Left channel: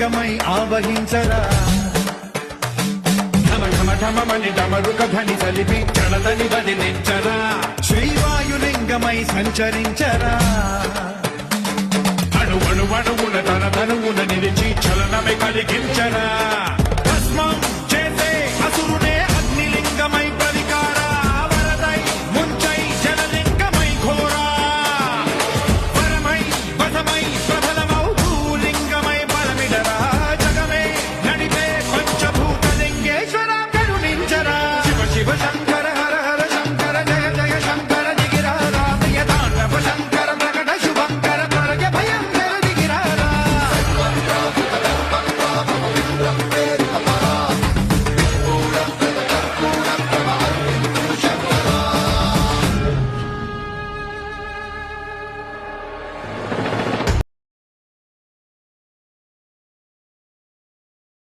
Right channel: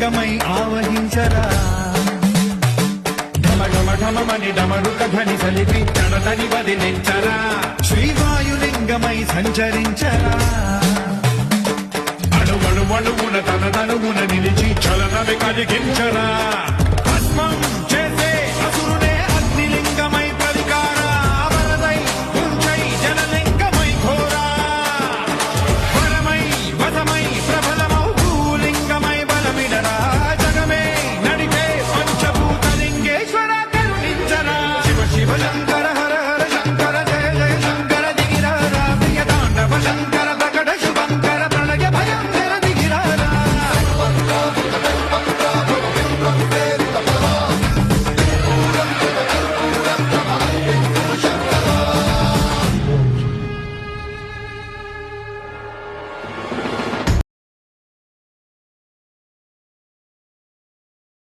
లింగమై ఆవహించరా ఢమఢమని డమరుక ధ్వని సలిపి జడదని వదిలించరా శ్రీవాయులింగమై సంచరించరా అణువణువున తన తనువున నిలిచి చలనమే కలిగించరా